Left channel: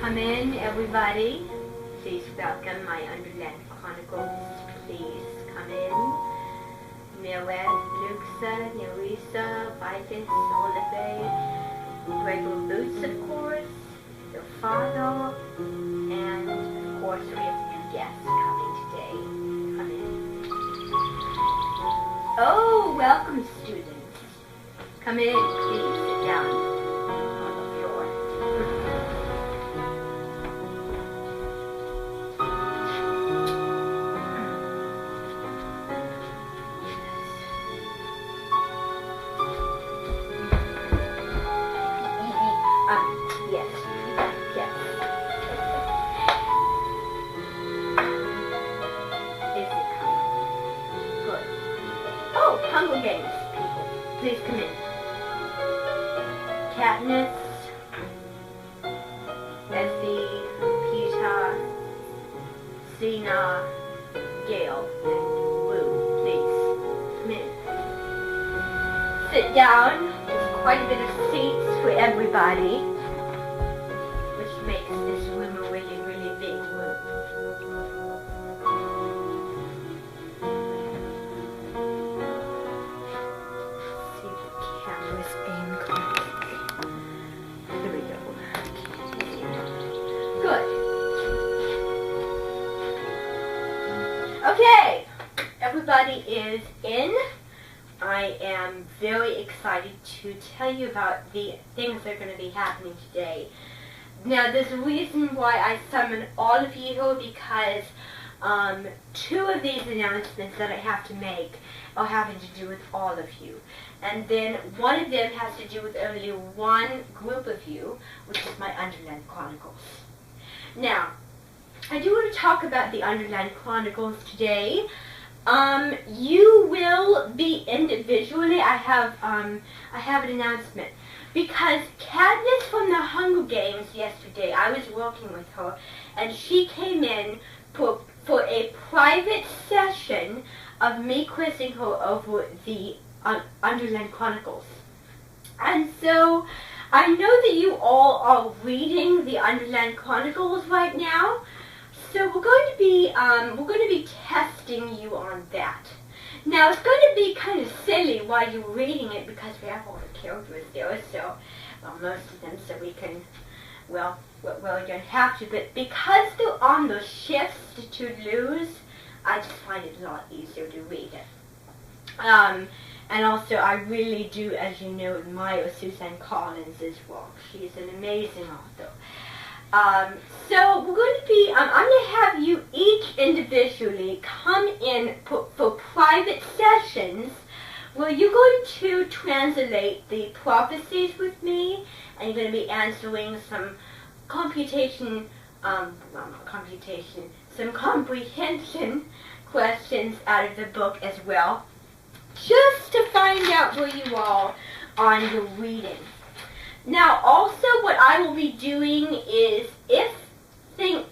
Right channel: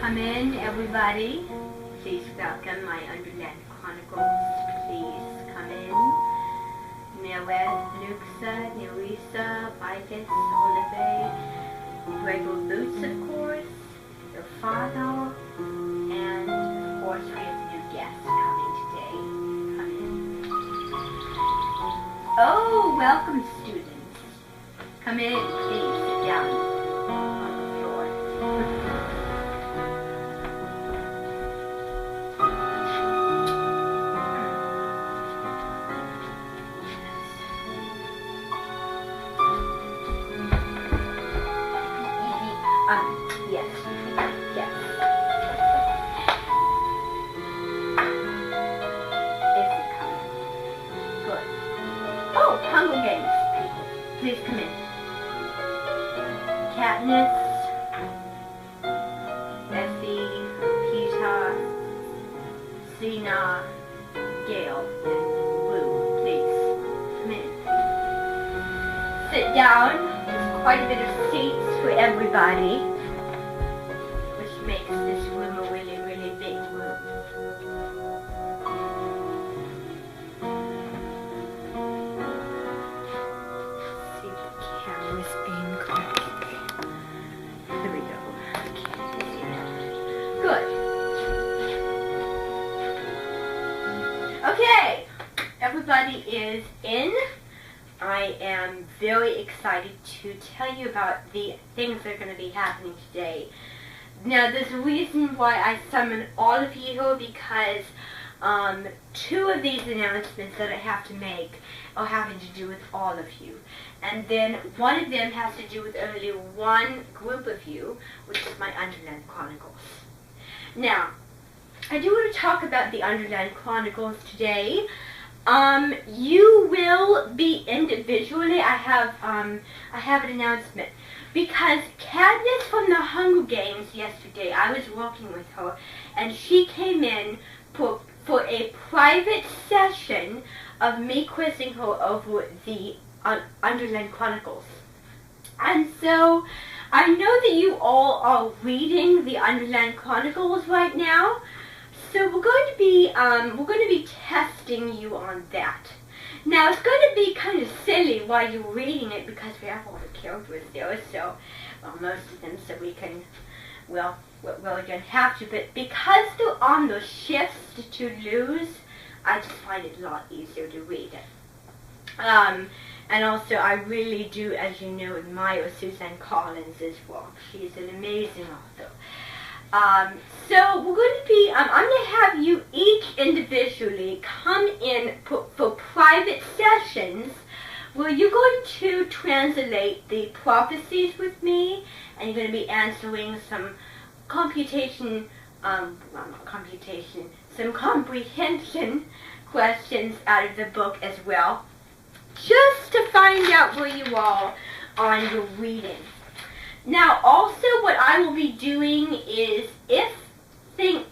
Come in, everybody. Please welcome my Underland Chronicles. Please come in. Millet, Nuxa, Nerissa, Vicus, Olive, Regular Boots, of course, your father, and of course we have new guests coming today. Come in. Oh, welcome, students. Come in, please sit down on the floor. Hunger Games, people. Please come in. Katniss, Bessie, Peter, Zena, Gale, Blue, please come in. Sit down. There's quite a bit of seats for everybody, which makes this room a really, really big room. Okay, everybody is in. I am very excited to tell you about the things that are going to be happening today. Now, there's a reason why I summoned all of you, because two of these announcements that I have to make are having to do with all of you. And then one of them has to do with only one group of you, which is my Underland Chronicles. Now, I do want to talk about the Underland Chronicles today. You will be individually. I have an announcement, because Katniss from the Hunger Games yesterday, I was working with her, and she came in for a private session of me quizzing her over the Underland Chronicles. And so I know that you all are reading the Underland Chronicles right now. So we're going to be testing you on that. Now, it's going to be kind of silly while you're reading it, because we have all the characters there, so most of them, so we can, well, we don't have to, but because they're on those shifts to lose, I just find it a lot easier to read it. And also, I really do, as you know, admire Suzanne Collins' work. She's an amazing author. So we're going to be, I'm going to have you each individually come in for private sessions where you're going to translate the prophecies with me, and you're going to be answering some comprehension questions out of the book as well, just to find out where you are on your reading. Now, also, what I will be doing is, if these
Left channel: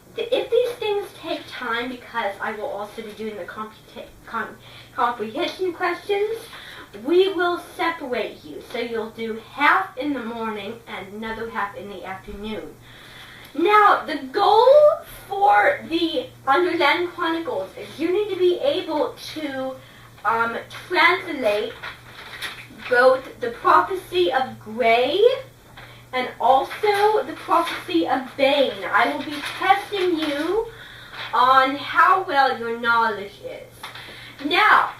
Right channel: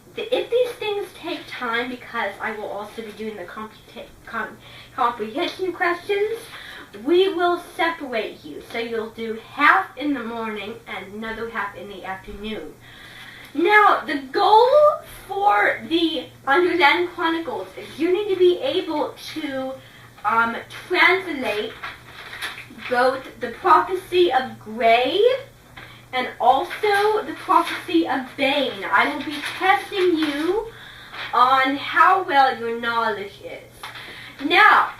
things take time, because I will also be doing the comprehension questions, we will separate you. So you'll do half in the morning and another half in the afternoon. Now, the goal for the Underland Chronicles is you need to be able to translate both the prophecy of Grey and also the prophecy of Bane. I will be testing you on how well your knowledge is. Now,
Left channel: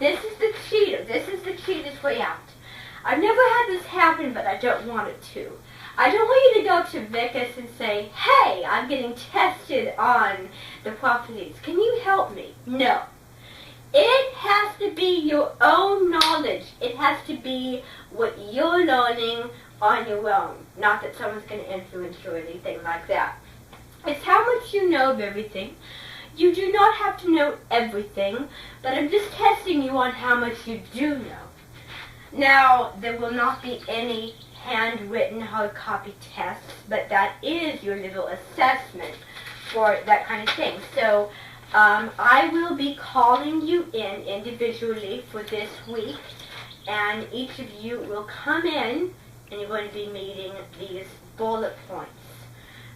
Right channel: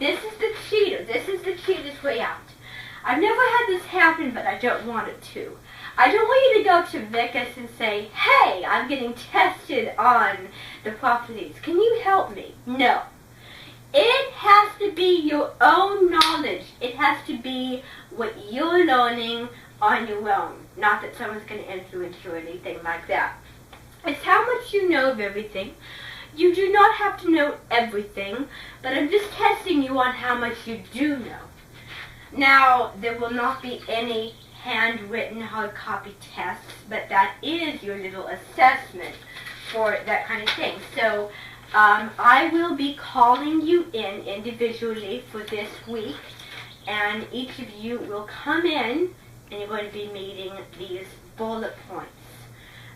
this is the cheater. This is the cheater's way out. I've never had this happen, but I don't want it to. I don't want you to go to Vicus and say, hey, I'm getting tested on the prophecies. Can you help me? No. It has to be your own knowledge. It has to be what you're learning on your own. Not that someone's going to influence you or anything like that. It's how much you know of everything. You do not have to know everything, but I'm just testing you on how much you do know. Now, there will not be any handwritten hard copy tests, but that is your little assessment for that kind of thing. So, I will be calling you in individually for this week, and each of you will come in, and you're going to be meeting these bullet points.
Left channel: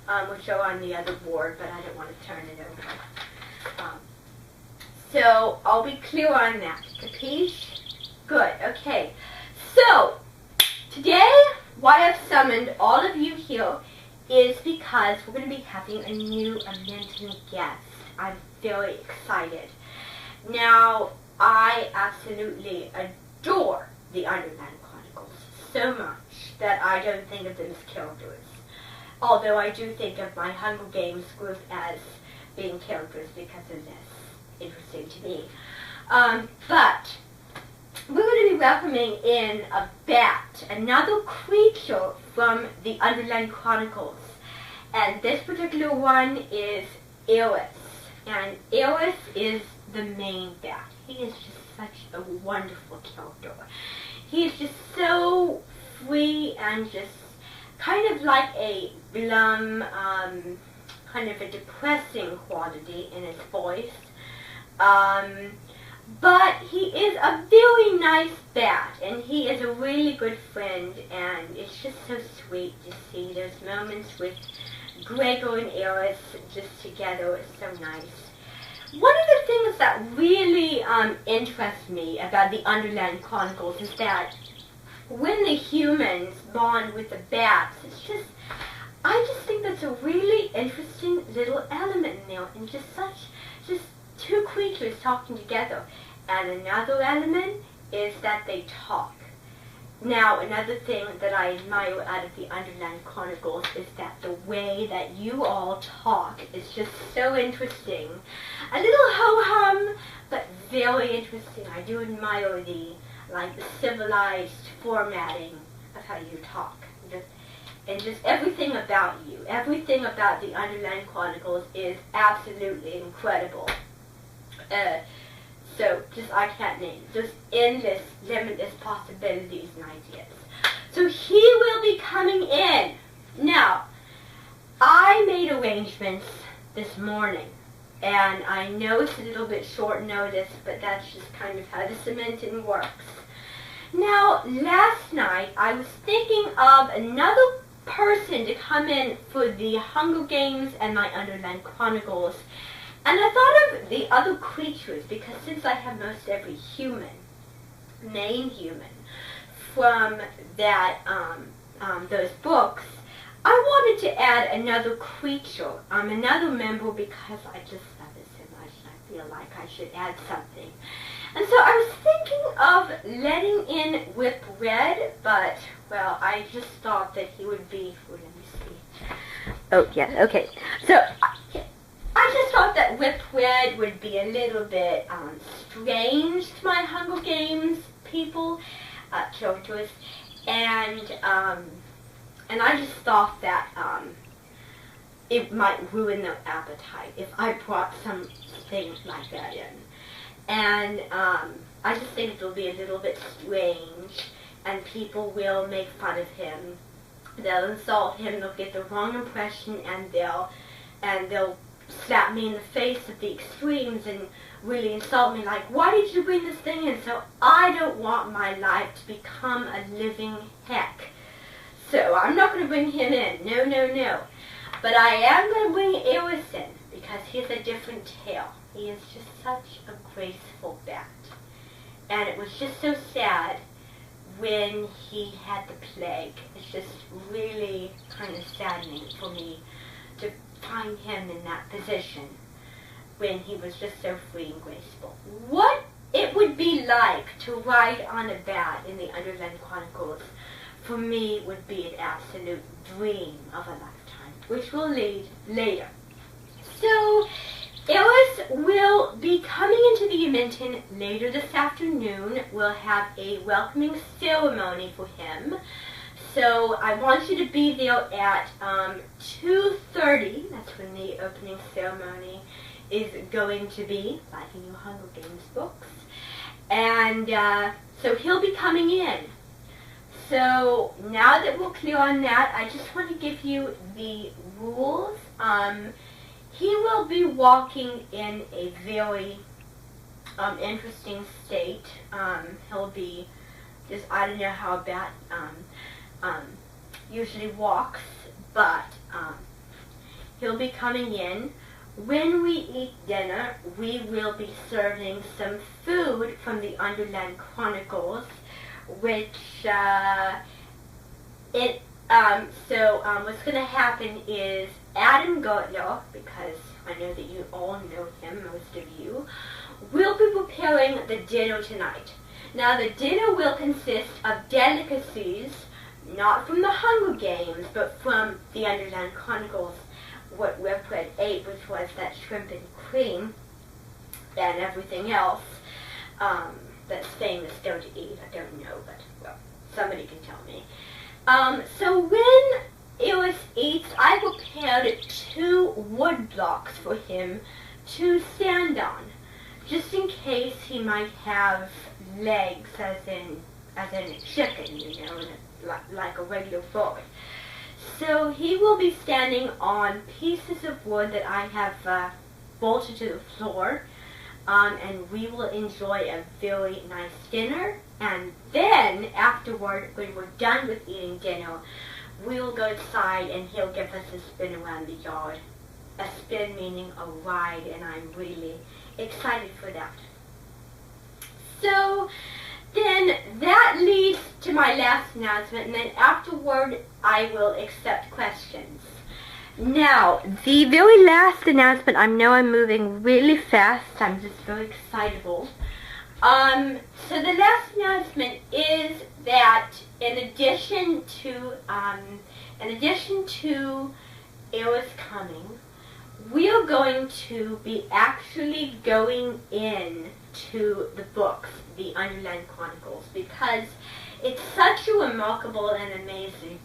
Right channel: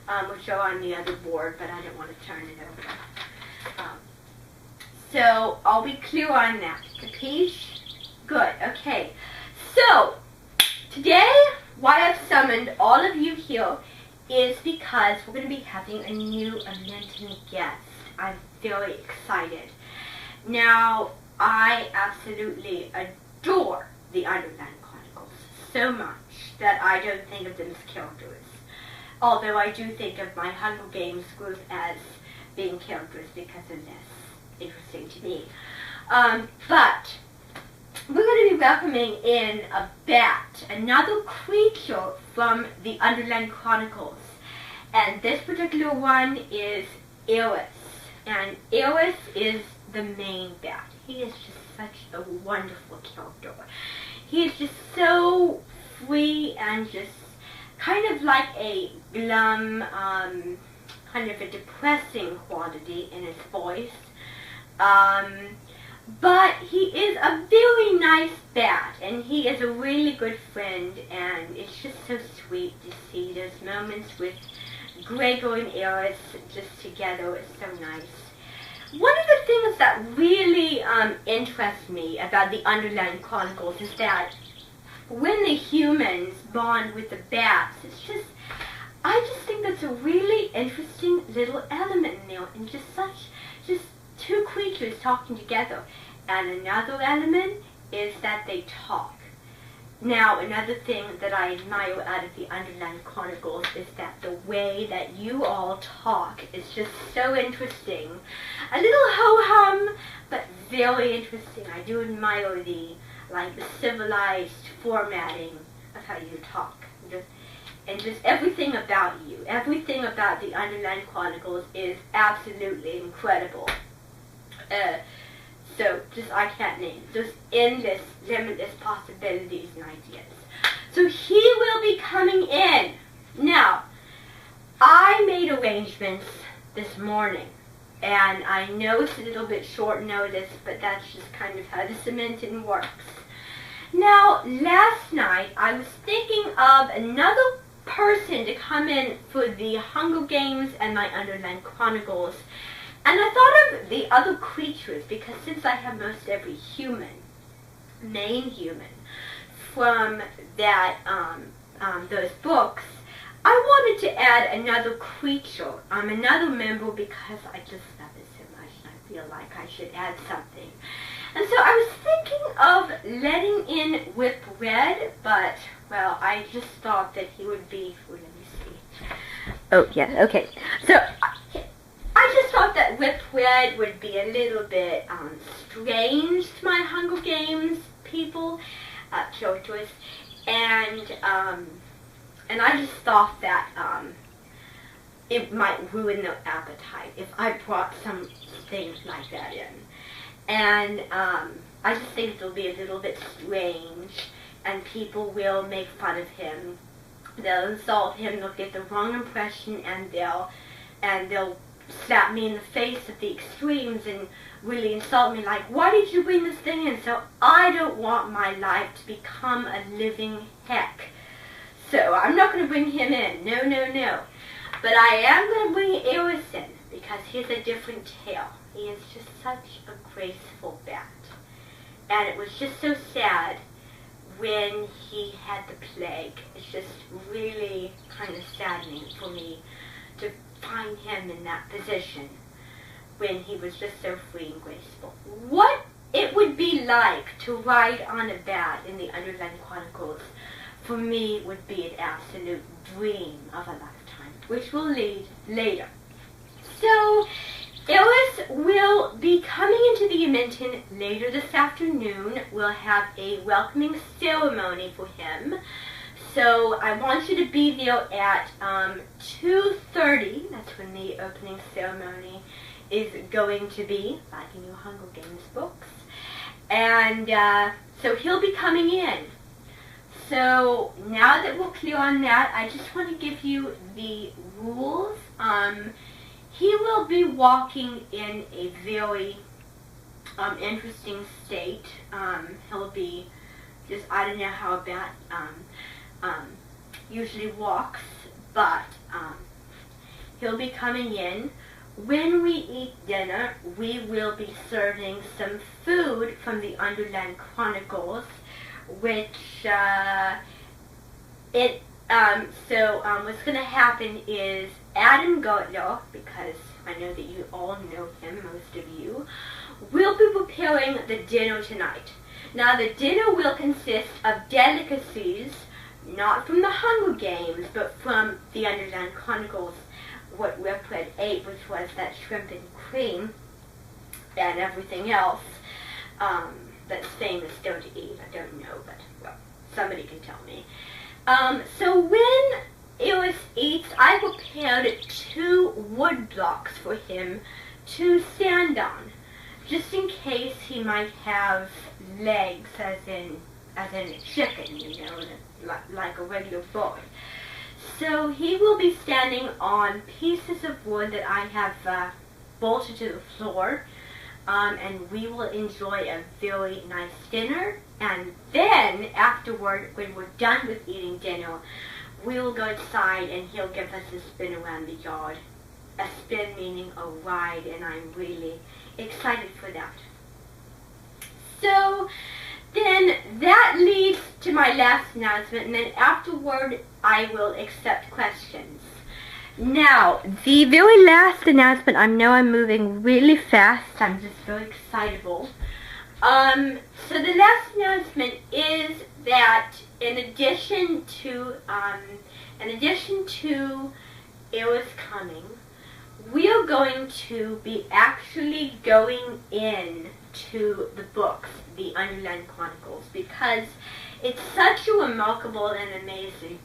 will show on the other board, but I didn't want to turn it over. So are we clear on that? The piece? Good. Okay. So today, why I've summoned all of you here is because we're going to be having a new Amenten guest. I'm very excited. Now, I absolutely adore the Underland Chronicles so much that I don't think of them as characters. Although I do think of my Hunger Games group as being characters because of this. Interesting to me. But we're going to be welcoming in a bat, another creature from the Underland Chronicles. And this particular one is Eris. And Eris is the main bat. He is just such a wonderful character. He is just so free and just kind of like a glum, kind of a depressing quality in his voice. But he is a very nice bat, and he is a really good friend, and it's just so sweet to see those moments with Gregor and Eris just together. It's so nice. One of the things that really interests me about the Underland Chronicles is that when the humans bond with the bats, I just think that's a really interesting little element in there, and just two creatures talking together. And another element is that they talk. Now, another thing that I admire out of the Underland Chronicles is that the way that you all talk is just so interesting. A little ho-hum, but very interesting. I do admire the civilized formatting of how you talk. And just everything about you, everything about the Underland Chronicles is absolutely incredible. So I can't name. Just endless, limitless possibilities and ideas. So he will be coming in. Now, I made arrangements this morning, and I know it's a little bit short notice, but that's just kind of how the Amenten works. Now, last night, I was thinking of another person to come in for the Hunger Games and my Underland Chronicles. And I thought of the other creatures, because since I have most every main human, from that those books, I wanted to add another creature, another member, because I just love it so much, and I feel like I should add something. And so I was thinking of letting in Whip Red, but, well, I just thought that he would be, let me see. Oh, yeah, okay. So, I just thought that Whip Red would be a little bit strange to my Hunger Games people, characters, and I just thought that it might ruin their appetite if I brought some things like that in. And I just think it'll be a little bit strange, and people will make fun of him. They'll insult him, they'll get the wrong impression, and they'll slap me in the face at the extremes and really insult me like, why did you bring this thing in? So I don't want my life to become a living heck. So I'm not going to bring him in. No, no, no. But I am going to bring Eris in because he has a different tail. He is just such a graceful bat. And it was just so sad when he had the plague. It's just really kind of saddening for me to find him in that position when he was just so free and graceful. What it would be like to ride on a bat in the Underland Chronicles, for me, would be an absolute dream of a lifetime, which will lead later. So, Eris will be coming into the Amenten later this afternoon. We'll have a welcoming ceremony for him. So I want you to be there at 2:30. That's when the opening ceremony is going to be, like in your Hunger Games books. And so he'll be coming in. So now that we're clear on that, I just want to give you the rules. He will be walking in a very interesting state. He'll be just, I don't know how a bat usually walks, but He'll be coming in. When we eat dinner, we will be serving some food from the Underland Chronicles, which what's going to happen is Adam Gotlo, because I know that you all know him, most of you, will be preparing the dinner tonight. Now, the dinner will consist of delicacies, not from the Hunger Games, but from the Underland Chronicles, what Redfred ate, which was that shrimp and cream and everything else that's famous still to eat. I don't know, but, well, somebody can tell me. So when Eris eats, I prepared 2 wood blocks for him to stand on, just in case he might have legs, as in a chicken, you know, like a regular bird. So he will be standing on pieces of wood that I have bolted to the floor, and we will enjoy a very nice dinner. And then, afterward, when we're done with eating dinner, we will go outside and he'll give us a spin around the yard. A spin meaning a ride, and I'm really excited for that. So, then that leads to my last announcement, and then afterward I will accept questions. Now, the very last announcement, I know I'm moving really fast, I'm just so excitable. So the last announcement is that in addition to Eris coming, we are going to be actually going in to the books, the Underland Chronicles, because it's such a remarkable and amazing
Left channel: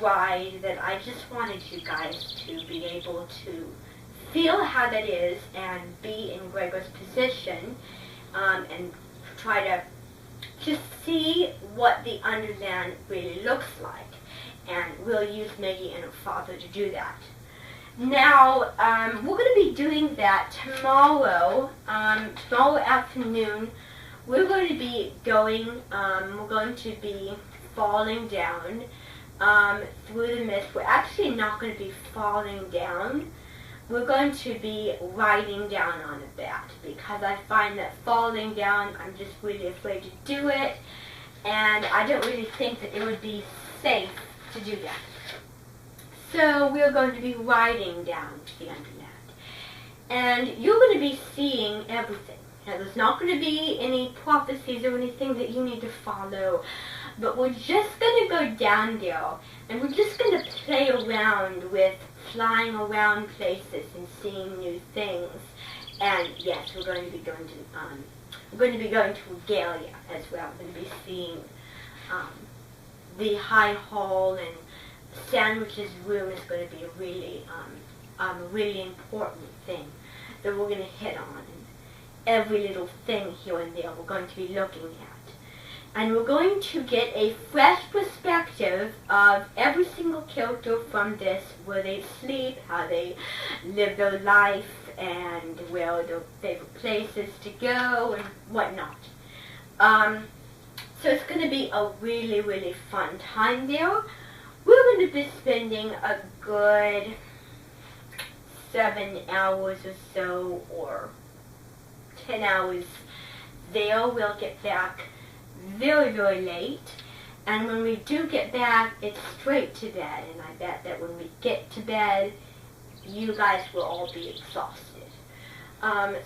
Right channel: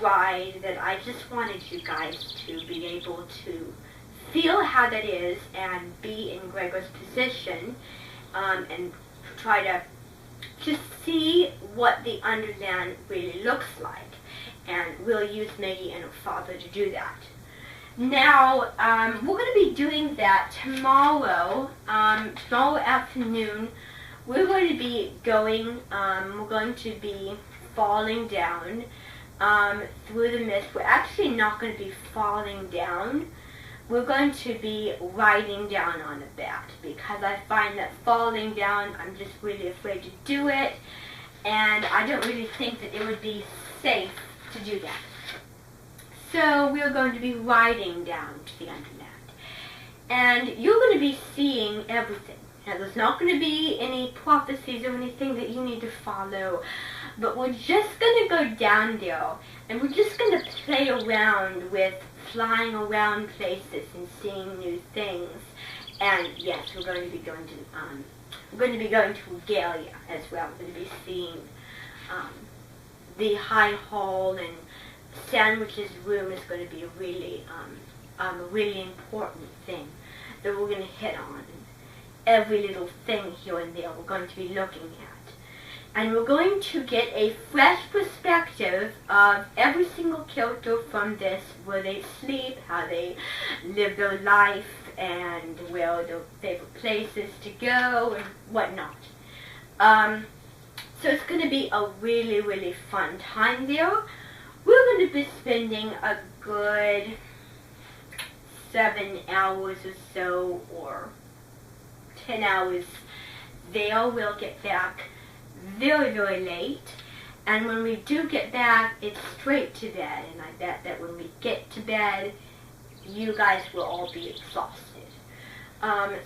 ride that I just wanted you guys to be able to feel how that is and be in Gregor's position, and try to see what the Underland really looks like. And we'll use Maggie and her father to do that. Now, we're going to be doing that tomorrow, tomorrow afternoon. We're going to be going, we're going to be falling down through the mist. We're actually not going to be falling down. We're going to be riding down on a bat, because I find that falling down, I'm just really afraid to do it, and I don't really think that it would be safe to do that. So we're going to be riding down to the Underland, and you're going to be seeing everything. Now, there's not going to be any prophecies or anything that you need to follow, but we're just going to go down there, and we're just going to play around with flying around places and seeing new things. And yes, we're going to be going to Regalia as well. We're going to be seeing the High Hall, and Sandwich's room is going to be a really important thing that we're going to hit on. Every little thing here and there we're going to be looking at. And we're going to get a fresh perspective of every single character from this, where they sleep, how they live their life, and where their favorite places to go, and whatnot. So it's going to be a really, really fun time there. We're going to be spending a good 7 hours or so, or 10 hours there. We'll get back very, very late, and when we do get back, it's straight to bed, and I bet that when we get to bed, you guys will all be exhausted.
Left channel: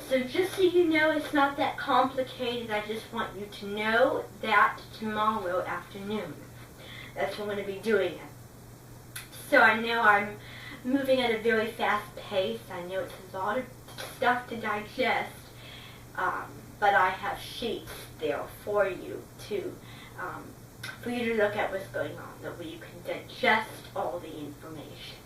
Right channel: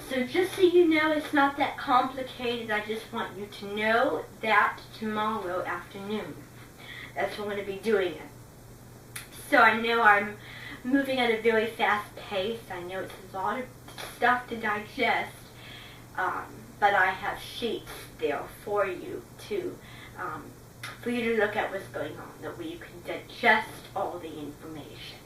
So just so you know, it's not that complicated. I just want you to know that tomorrow afternoon, that's when we're going to be doing it. So I know I'm moving at a very fast pace. I know it's a lot of stuff to digest, but I have sheets there for you to look at what's going on, that way you can digest all the information.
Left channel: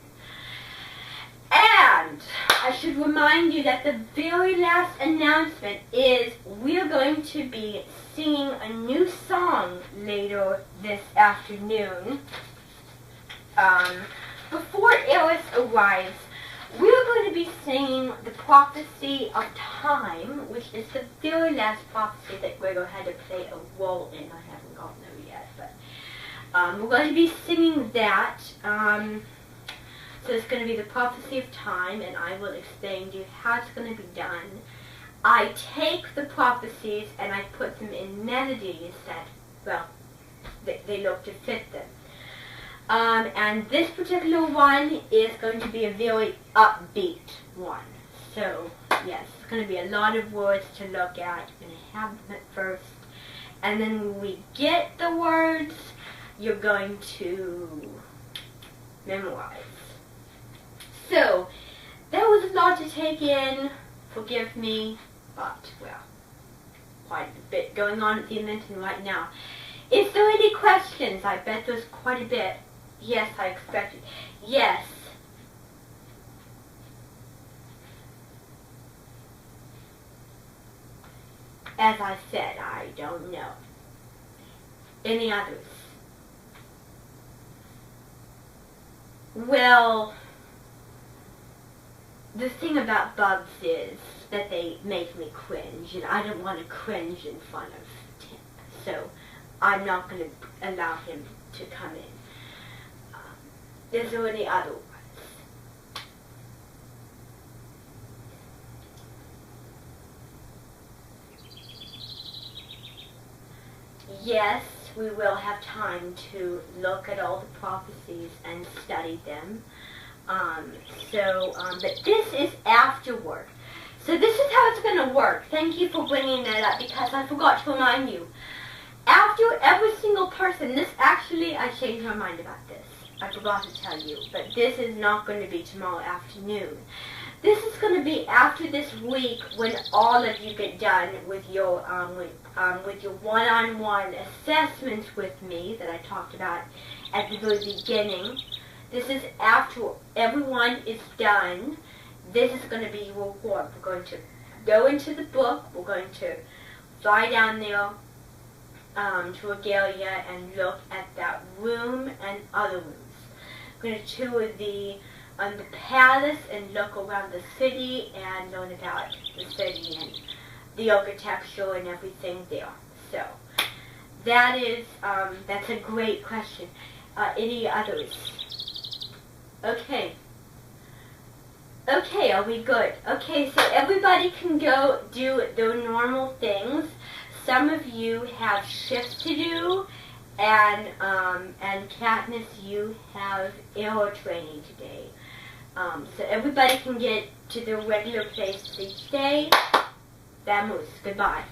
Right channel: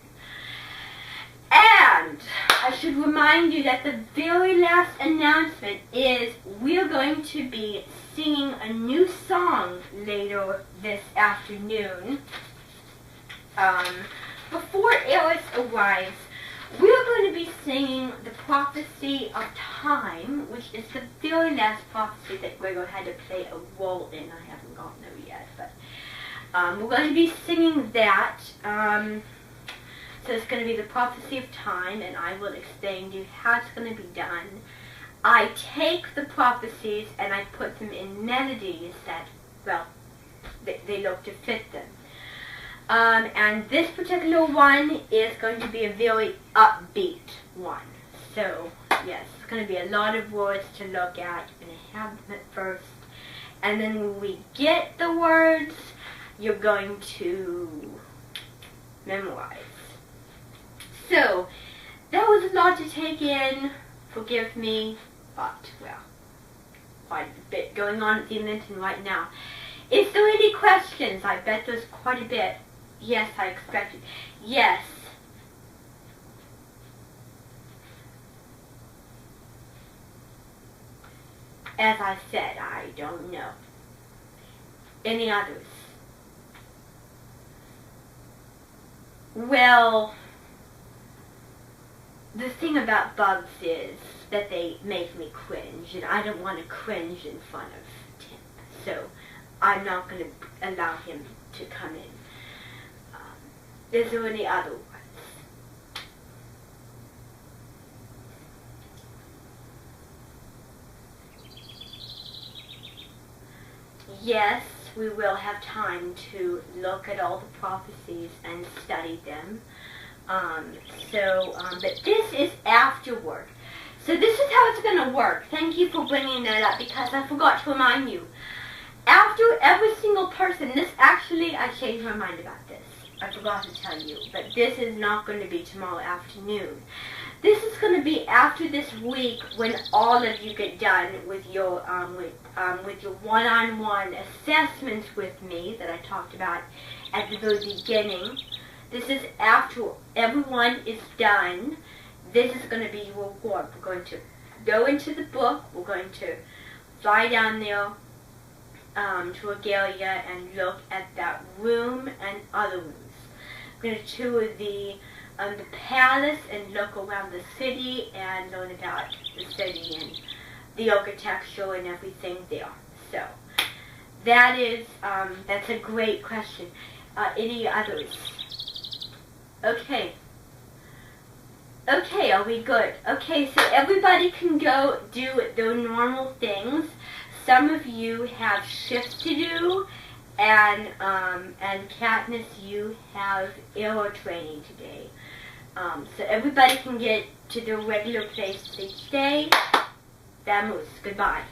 And I should remind you that the very last announcement is we're going to be singing a new song later this afternoon. Before Eris arrives, we're going to be singing the Prophecy of Time, which is the very last prophecy that Gregor had to play a role in. I haven't gotten there yet, but we're going to be singing that. So it's going to be the prophecy of time, and I will explain to you how it's going to be done. I take the prophecies and I put them in melodies that, well, they look to fit them. And this particular one is going to be a very upbeat one. So, yes, it's going to be a lot of words to look at. You're going to have them at first. And then when we get the words, you're going to memorize. So, that was a lot to take in. Forgive me. But, well, quite a bit going on at the Amenten right now. Is there any questions? I bet there's quite a bit. Yes, I expected. Yes. As I said, I don't know. Any others? Well, the thing about bugs is that they make me cringe, and I don't want to cringe in front of Tim. So I'm not going to allow him to come in. Is there any other ones? Yes, we will have time to look at all the prophecies and study them. But this is afterward. So this is how it's going to work. Thank you for bringing that up, because I forgot to remind you. After every single person, this actually, I changed my mind about this. I forgot to tell you, but this is not going to be tomorrow afternoon. This is going to be after this week, when all of you get done with your one-on-one assessments with me that I talked about at the very beginning. This is after everyone is done. This is going to be your reward. We're going to go into the book. We're going to fly down there to Regalia and look at that room and other rooms. We're going to tour the palace and look around the city and learn about the city and the architecture and everything there. So that's a great question. Any others? Okay. Okay, are we good? Okay, so everybody can go do their normal things. Some of you have shifts to do, and Katniss, you have air training today. So everybody can get to their regular place each day. Vamos. Goodbye.